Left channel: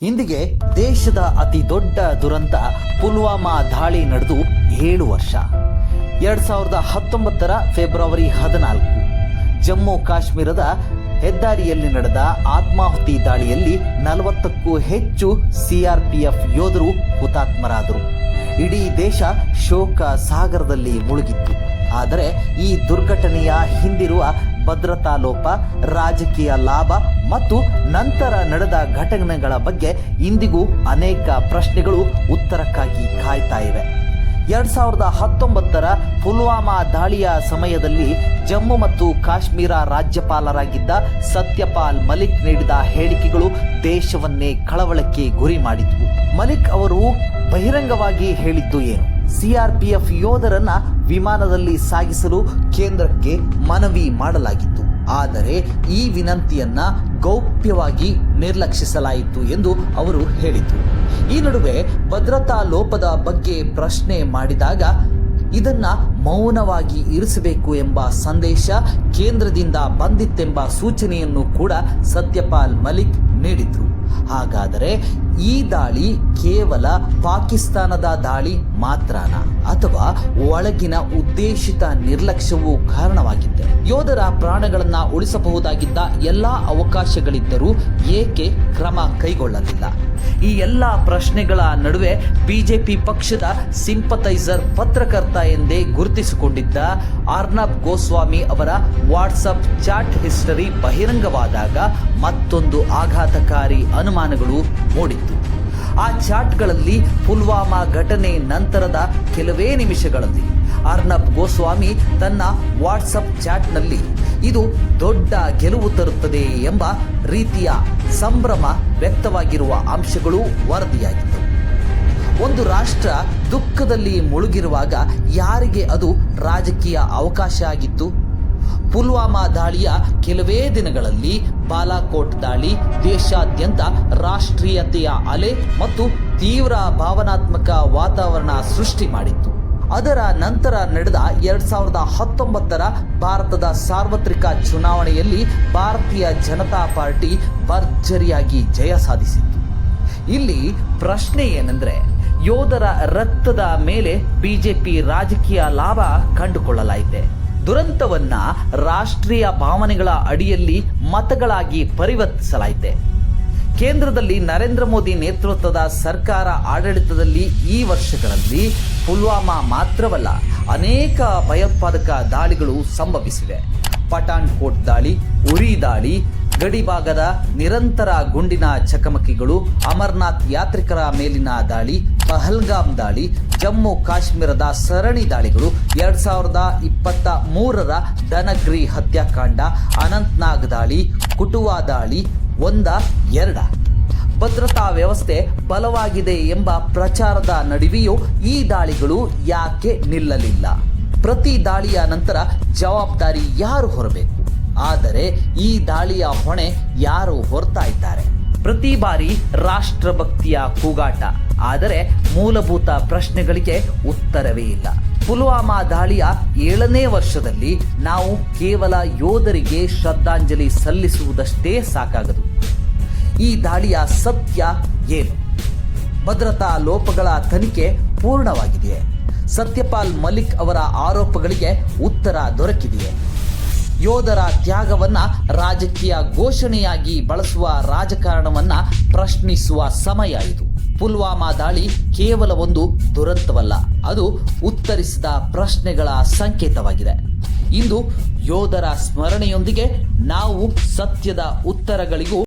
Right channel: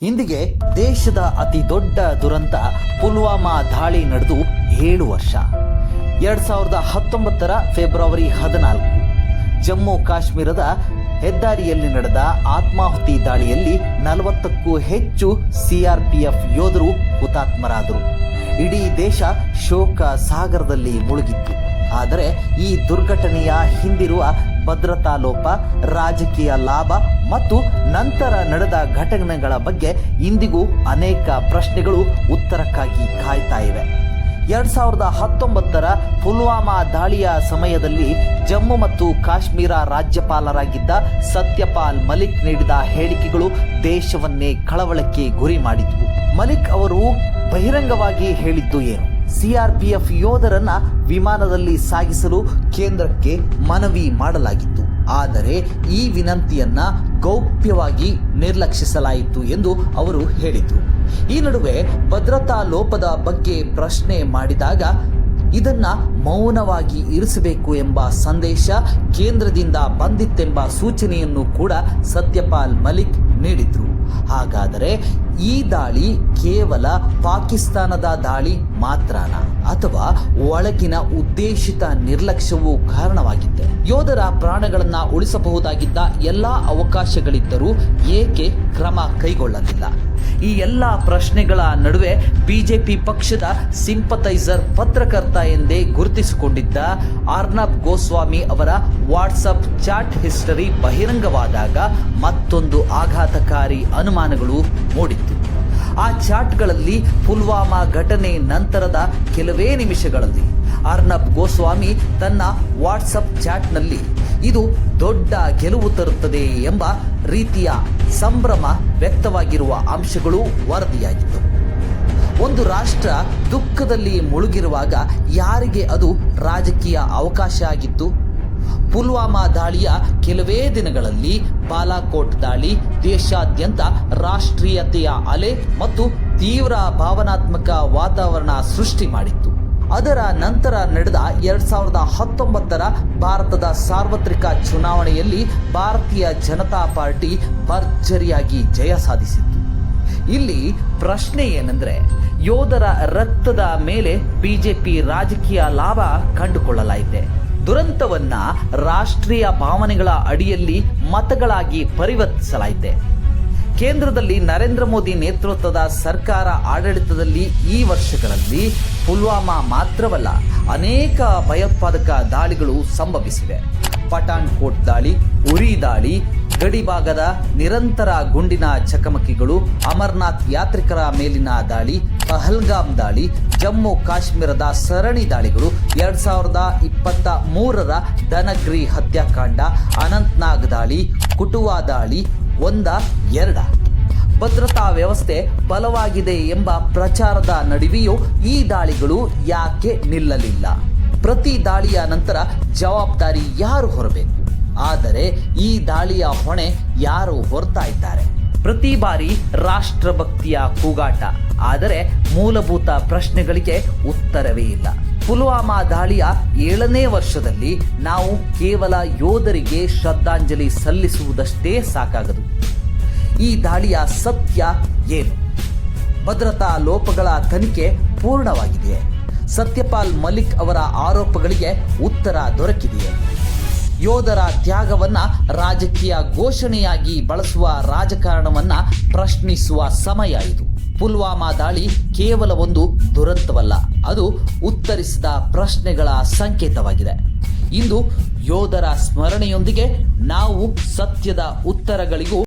ಇಂದಿಗೆ ದೇಶದ ಅತಿ ದೊಡ್ಡ ದುರಂತ ಪುಲ್ವಾಮಾ ದಾಳಿ ನಡೆದು 7 ವರ್ಷ. 2019ರ ಫೆಬ್ರವರಿ 14 ಜಮ್ಮು ಕಾಶ್ಮೀರದ ಹೆದ್ದಾರಿಯಲ್ಲಿ ನಡೆದ ಆತ್ಮಾಹುತಿ ದಾಳಿಯಲ್ಲಿ 40ಕ್ಕೂ ಹೆಚ್ಚು ಸಿಆರ್ಪಿಎಫ್ ಯೋಧರು ಹುತಾತ್ಮರಾದರು. ಇಡೀ ದೇಶ ಶೋಕ ಸಾಗರದಲ್ಲಿ ಮುಳುಗಿತ್ತು. ಆದರೆ ಈ ದುರ್ಘಟನೆಯ ಹಿಂದಿರುವ ಭದ್ರತಾ ಲೋಪ, ರಾಜಕೀಯ ಲಾಭ ಮತ್ತು ನಂತರ ನಡೆದ ಘಟನೆಗಳ ಬಗ್ಗೆ ಇಂದಿಗೂ ಅನೇಕ ಪ್ರಶ್ನೆಗಳು ಉತ್ತರಕ್ಕಾಗಿ ಕಾಯ್ತಾ ಇವೆ. 2019ರ ಪುಲ್ವಾಮಾ ದಾಳಿಯ ಸಮಯದಲ್ಲಿ ಜಮ್ಮು ಮತ್ತು ಕಾಶ್ಮೀರ ರಾಜ್ಯಪಾಲರಾಗಿದ್ದ ಸತ್ಯಪಾಲ್ ಮಲಿಕ್ ನೀಡಿದ ಹೇಳಿಕೆಗಳು ದೇಶವನ್ನೇ ಕಳವಳಕ್ಕೆ ಗುರಿ ಮಾಡಿದ್ವು. ಮಲಿಕ್ ಅವರು ಬಹಿರಂಗವಾಗಿ ಹೇಳಿದ್ದು ಏನು? ಸಿಆರ್ಪಿಎಫ್ ಯೋಧರನ್ನ ವಿಮಾನದಲ್ಲಿ ಸಾಗಿಸಲು ಕೇಂದ್ರಕ್ಕೆ ಮನವಿ ಮಾಡಲಾಗಿತ್ತು, ಆದರೆ ಈ ವಿನಂತಿಯನ್ನ ಗೌಪ್ಯವಾಗಿ ನಿರ್ಲಕ್ಷಿಸಲಾಯಿತು ಎಂದು ಅವರು ಹೇಳಿದರು. ಈ ನಡುವೆ ಭದ್ರತಾ ಲೋಪದ ಬಗ್ಗೆ ಪ್ರಶ್ನೆ ಮಾಡಿದಾಗ ಇದನ್ನ ಮೌನವಾಗಿ ಇರಿಸಬೇಕು ಎಂಬ ಸಂದೇಶ ಕೇಂದ್ರದಿಂದ ಬಂದಿತ್ತೆಂಬ ಸೂಚನೆಯನ್ನು ಕೂಡ ಸತ್ಯಪಾಲ್ ಮಲಿಕ್ ನೀಡಿದ್ರು. ಹಾಗಾದರೆ ಈ ದಾಳಿ ಕೇವಲ ಪಾಕಿಸ್ತಾನದ ದಾಳಿ ಮಾತ್ರನಾ, ಅಥವಾ ಒಳಗಿನ ಉದ್ದೇಶಿತ ನಿರ್ಲಕ್ಷ್ಯವೂ ಕಾರಣವಾಗಿದ್ದೆ? ಯೋಧರ ಪ್ರಾಣಗಳನ್ನ ಉಳಿಸಬಹುದಾಗಿದ್ದ ಎಲ್ಲಾ ಅವಕಾಶಗಳಿದ್ದರೂ ಏಕೆ ಕ್ರಮ ಕೈಗೊಳ್ಳಲಿಲ್ಲ? ಈ ಎಲ್ಲ ಪ್ರಶ್ನೆಗಳ ನಡುವೆ ಬಿಜೆಪಿ ಪಕ್ಷದ ಸಿಂಪಥೈಸರ್, ಪತ್ರಕರ್ತ ಎಂದೇ ಗುರುತಿಸಿಕೊಂಡಿದ್ದ ಅರ್ನಬ್ ಗೋಸ್ವಾಮಿ ಅವರ ವಾಟ್ಸಪ್ ಚಾಟ್ ಹಿಸ್ಟರಿ ಬಹಿರಂಗವಾದಾಗ ಮತ್ತೊಂದು ಆಘಾತಕಾರಿ ಅನುಮಾನಗಳು ಮೂಡಿತ್ತು. ಆ ಚಾಟ್ಗಳಲ್ಲಿ ಪುಲ್ವಾಮಾ ಘಟನೆ ನಂತರದ ಕೆಲವೇ ನಿಮಿಷಗಳಲ್ಲಿ ಅರ್ನಬ್ ಗೋಸ್ವಾಮಿ ತನ್ನ ವಾಟ್ಸಪ್ ಚಾಟ್ನಲ್ಲಿ ಇದು ದೊಡ್ಡ ಗೆಲುವು ತರುತ್ತದೆ ಎಂಬ ರೀತಿಯ ಸಂಭ್ರಮ ವ್ಯಕ್ತವಾಗಿರುವ ಅಂಶಗಳು ವರದಿಯಾಗಿತ್ತು. ಒಂದು ರಾಷ್ಟ್ರ ದುಃಖದಲ್ಲಿ ಮುಳುಗಿರುವಾಗ ಯಾರಿಗೆ ಅದು ರಾಜಕೀಯ ಅವಕಾಶ ಆಗಿತ್ತು? ಪುಲ್ವಾಮಾ ದಾಳಿಯ ಕೆಲವೇ ದಿನಗಳಲ್ಲಿ ಬಾಲಾಕೋಟ್ ದಾಳಿ ದೇಶಾದ್ಯಂತ ರಾಷ್ಟ್ರೀಯತೆಯ ಅಲೆ ಮತ್ತು ತೀವ್ರ ಭಾವನಾತ್ಮಕ ವಾತಾವರಣ ಸೃಷ್ಟಿ ಮಾಡಿತ್ತು. ಅದರ ನಂತರ ನಡೆದ 2019ರ ಭಾರತದ ಸಾರ್ವತ್ರಿಕ ಚುನಾವಣೆಯಲ್ಲಿ ಭಾರತೀಯ ಜನತಾ ಪಾರ್ಟಿ ಭರ್ಜರಿಯಾಗಿ ಜಯ ಸಾಧಿಸಿತ್ತು. ಇಲ್ಲಿ ಪ್ರಶ್ನೆ ಏನೆಂದರೆ, ಯೋಧರ ರಕ್ತದ ಮೇಲೆ ಬಿಜೆಪಿ ರಾಜಕೀಯ ಲಾಭ ಕಂಡುಕೊಳ್ಳಲಾಯಿತೆ. ದುರಂತವನ್ನ ರಾಷ್ಟ್ರೀಯ ಭಾವನೆಗಳ ಅಡಿಯಲ್ಲಿ ಮತಗಳಾಗಿ ಪರಿವರ್ತಿಸಲಾಯಿತೆ. ಕೇಂದ್ರದಲ್ಲಿ ನರೇಂದ್ರ ಮೋದಿ ನೇತೃತ್ವದ ಸರ್ಕಾರ ಆಡಳಿತದಲ್ಲಿ ಈ ವರ್ಷಗಳಲ್ಲಿ ಪುಲ್ವಾಮಾ ಮಾತ್ರವಲ್ಲ, ಅನೇಕ ಭಯೋತ್ಪಾದಕ ದಾಳಿಗಳು ಸಂಭವಿಸಿವೆ. ಪಠಾಣ್ಕೋಟ್ ದಾಳಿ, ಉರಿ ದಾಳಿ, ಗಡಿಭಾಗದ ನಿರಂತರ ಗುಂಡಿನ ಚಕಮಕಿಗಳು, ಅಮರನಾಥ್ ಯಾತ್ರಿಕರ ಮೇಲಿನ ದಾಳಿ, ಪಹಲ್ಗಾಮ್ ದಾಳಿ, ಜಮ್ಮು ಕಾಶ್ಮೀರದ ಸರಣಿ ದಾಳಿಗಳು, 2023ರ ಡನಗ್ರಿ ಹತ್ಯಾಕಾಂಡ, ಅನಂತ್ನಾಗ್ ದಾಳಿ, ಕುಟುವಾ ದಾಳಿ ಎರಡ. ಭದ್ರತಾ ವ್ಯವಸ್ಥೆ ಬಲವಾಗಿದೆ ಎಂಬ ಪ್ರಚಾರದ ನಡುವೆಯೂ ಈ ದಾಳಿಗಳು ಯಾಕೆ ನಿಲ್ಲಲಿಲ್ಲ? ಪ್ರತಿ ದಾಳಿಯ ನಂತರ ಜವಾಬ್ದಾರಿ ಯಾರು ಹೊರಬೇಕು? ಆದರೆ ಈ ದಾಳಿಯ ಹೊಣೆ ಯಾರು ಹೊರ್ತಾ ಇದ್ದಾರೆ? ಪ್ರತಿ ಬಾರಿ ರಾಷ್ಟ್ರಭಕ್ತಿಯ ಕೂಗಾಟ, ಆದರೆ ಮೂಲಭೂತ ಪ್ರಶ್ನೆಗಳಿಗೆ ಉತ್ತರವೇ ಇಲ್ಲ. ಪುಲ್ವಾಮಾ ದಾಳಿಯ 7ನೇ ವರ್ಷದಲ್ಲಿ ನಾವು ಕೇವಲ ಯೋಧರಿಗೆ ಶ್ರದ್ಧಾಂಜಲಿ ಸಲ್ಲಿಸುವುದಷ್ಟೇ ಸಾಕಾಗದು. ಈ ದಾಳಿಯ ಸತ್ಯ ಏನು? ಭದ್ರತಾ ಲೋಪಗಳ ತನಿಖೆ ಪೂರ್ಣವಾಗಿದೆಯೇ? ಸತ್ಯಪಾಲ್ ಮಲಿಕ್ ಅವರ ಆರೋಪಗಳಿಗೆ ಉತ್ತರ ದೊರಕಿದೆಯೇ? ಯೋಧರ ತ್ಯಾಗವನ್ನ ರಾಜಕೀಯ ಘೋಷಣೆಯಾಗಿ ಬಳಸುವ ರಾಜಕಾರಣವನ್ನ ಪ್ರಶ್ನಿಸುವ ಸಮಯ ಇದು. ಪುಲ್ವಾಮಾ ದಾಳಿ ಕೇವಲ ಒಂದು ದುರಂತವಲ್ಲ, ಅದು ಉತ್ತರಿಸಿದ ಪ್ರಶ್ನೆಗಳ ಸಂಕೇತವಾಗಿದೆ. ಇಂದು ಯೋಧರ ಸ್ಮರಣೆಯೊಂದಿಗೆ ನಾವು ಸತ್ಯದ ಉತ್ತರಗಳಿಗೂ